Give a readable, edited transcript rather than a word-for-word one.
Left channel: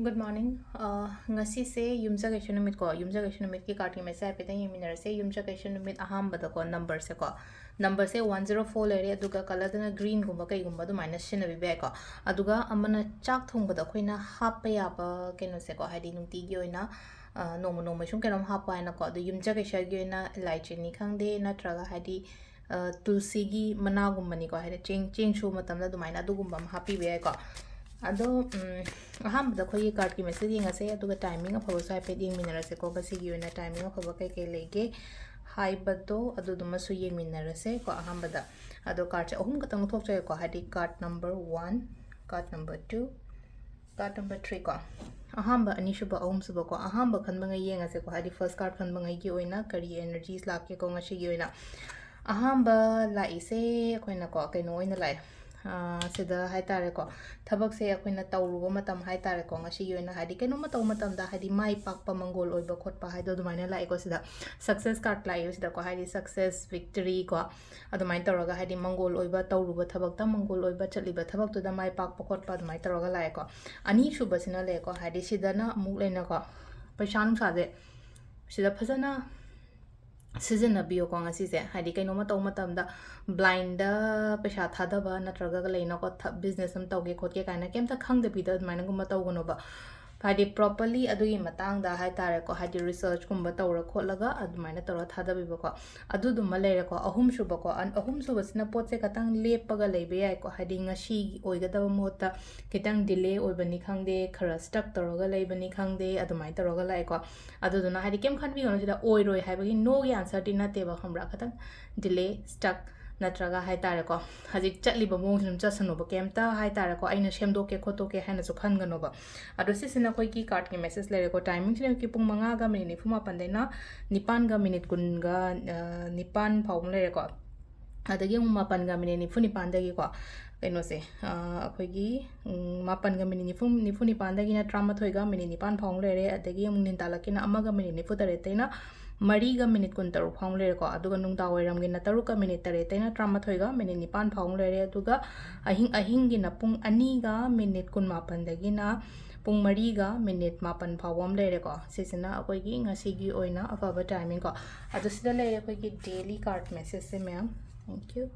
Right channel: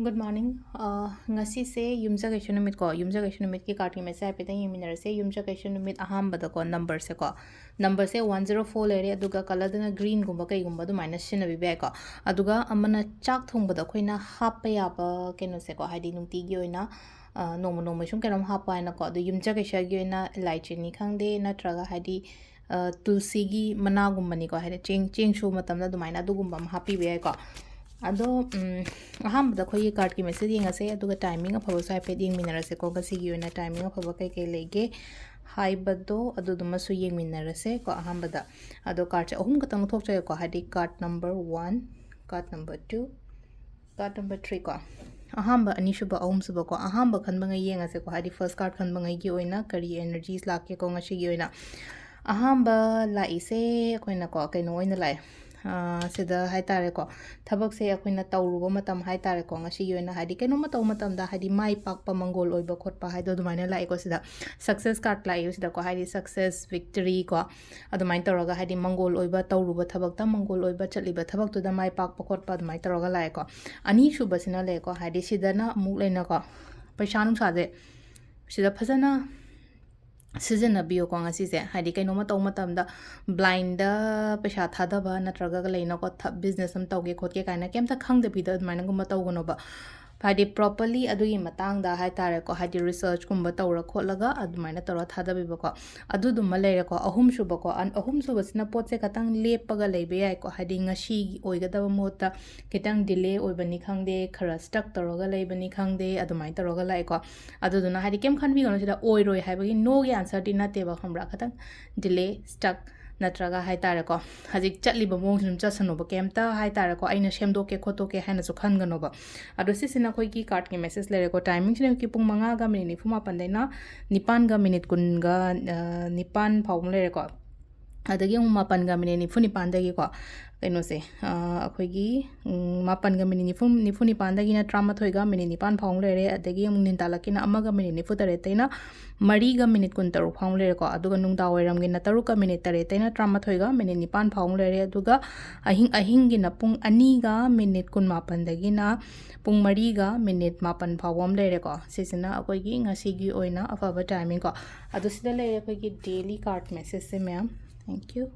Good morning. Ngasi se yumja kaishu numit ko yumja kaishu numit ki card ki message ai peta yeminar se yumja kaishu numit aham bada ko number se 104 lere aduga color dana green gumba kai gumba du minus shin abi bai ko aduga amana chak thong bada khoina happa ya ba kenu se ko haidi nungti gi oina noma noma shum kenom happa na ko adu yumja kaisha gi oina elaichi ni khangde na traga haidi tulsi gi mana gumba ni ko haidi cheng shu matam na du maina du gumba happy bai ko ado ahambada khoi card ki message yengase aduga timing afaba so haipet yengminarase ko gasigi oina timing afaba kai kai lege haibado aduduma su yengminarase ko ahambada ado card ahum katang thokchaye ko hadi card number 1 card number 2 card number 3 ko ahamba ani shuba ahum suba ko ahamba khanba ngai yengase ko hadi first card khanba ngai gi oina kari energies lakke ko ngasi gi oina ahamba laise koina ko kaino oina lai sida hai tare ko thabak se akoina tawruba matam hai tare ko ngasi yoina hadi keno matam matam da hadi mai pak pa mangol oiba khotpa hai do dumaina lai ko sida success card lai sida ko hadi success victory ko adumain toroga hadi mangol oiba tawruba thabak ta mangol oiba chaliba thabak tu da mai pak pa khotpa adumai toroga lai ko ani shuba sina le ko hadi sida na amuk leina ko paisa nung sa de sida phajana सिजनबियो को ngasi Hadi कई नोमा तौ मतम दा blind पैसा थादबा नत्रगा लेना को business हम तौगे खोके काना केम त खंग दे बिदा माइना गुम तौगनोबा हादी प्रॉपर्ली अदुगी मतंग दा हाय तारे को हादी रिसर्च गुम तौरा खोलगा अदुमाइना तौरा थादबिबो को अदुदुम लेरे को अहुम सुबो को अहुम सुबो सिना पोचे कतंग लेपगा लेबे याय को हादी ngasi ओइगदब मोता कितंग डिले ओइबनी खंगदे खरा स्टक तौरगा लेबनी खंगदे अदुमाइ तौरगा लाय को अदुदुना हादी केम खनबी गनो सिदा ओइरोय हायबगी नो गे आंसर ति नातेबा खमरा खतंग डिले स्टक नत्रगा हाय तारे को हजिक चटलिबा मोंग सुम चसनोबा केमता हाय तारे को आइना सेमदोके खोतोके हायना सु खनगनोबा अदो सिसिना कोई की कार्ड के मैसेज लेरे को टाइमिंग सिने की पुंग मंगा गा मिनिट निफुमा पंदेना निपान गा मिनिट कुनगा निपान फाउंग लेरे को अदगी मापन गा मिनिट निफु निपान दगी को कइनो से अखोगी मापन गा मिनिट निफु निपान दगी ना ट्रामाथोय गा मिनिट निपान फाउंग लेरे अदगी मुंग निंतालकिना अमगा मिनिट निफु तरे तैना मरी गा मिनिट कुन तरुक फाउंग लेरे को अदुगा नुंगदा वैरम गिना तरुक का मिनिट तरे तैना ट्रामाथोय गा मिनिट निपान फाउंग लेरे अदुगा अहिंग गिना पुंग अनी गा मिनिट कुन मापन दगी ना पुंग मरी गा मिनिट मापन फाउंग लेरे को सिसिना अखोगी ngasi ओइना अफाबा टाइमिंग को अदु सिदा लेरे अखोगी डेली कार्ड मैसेज से मैम थैंक यू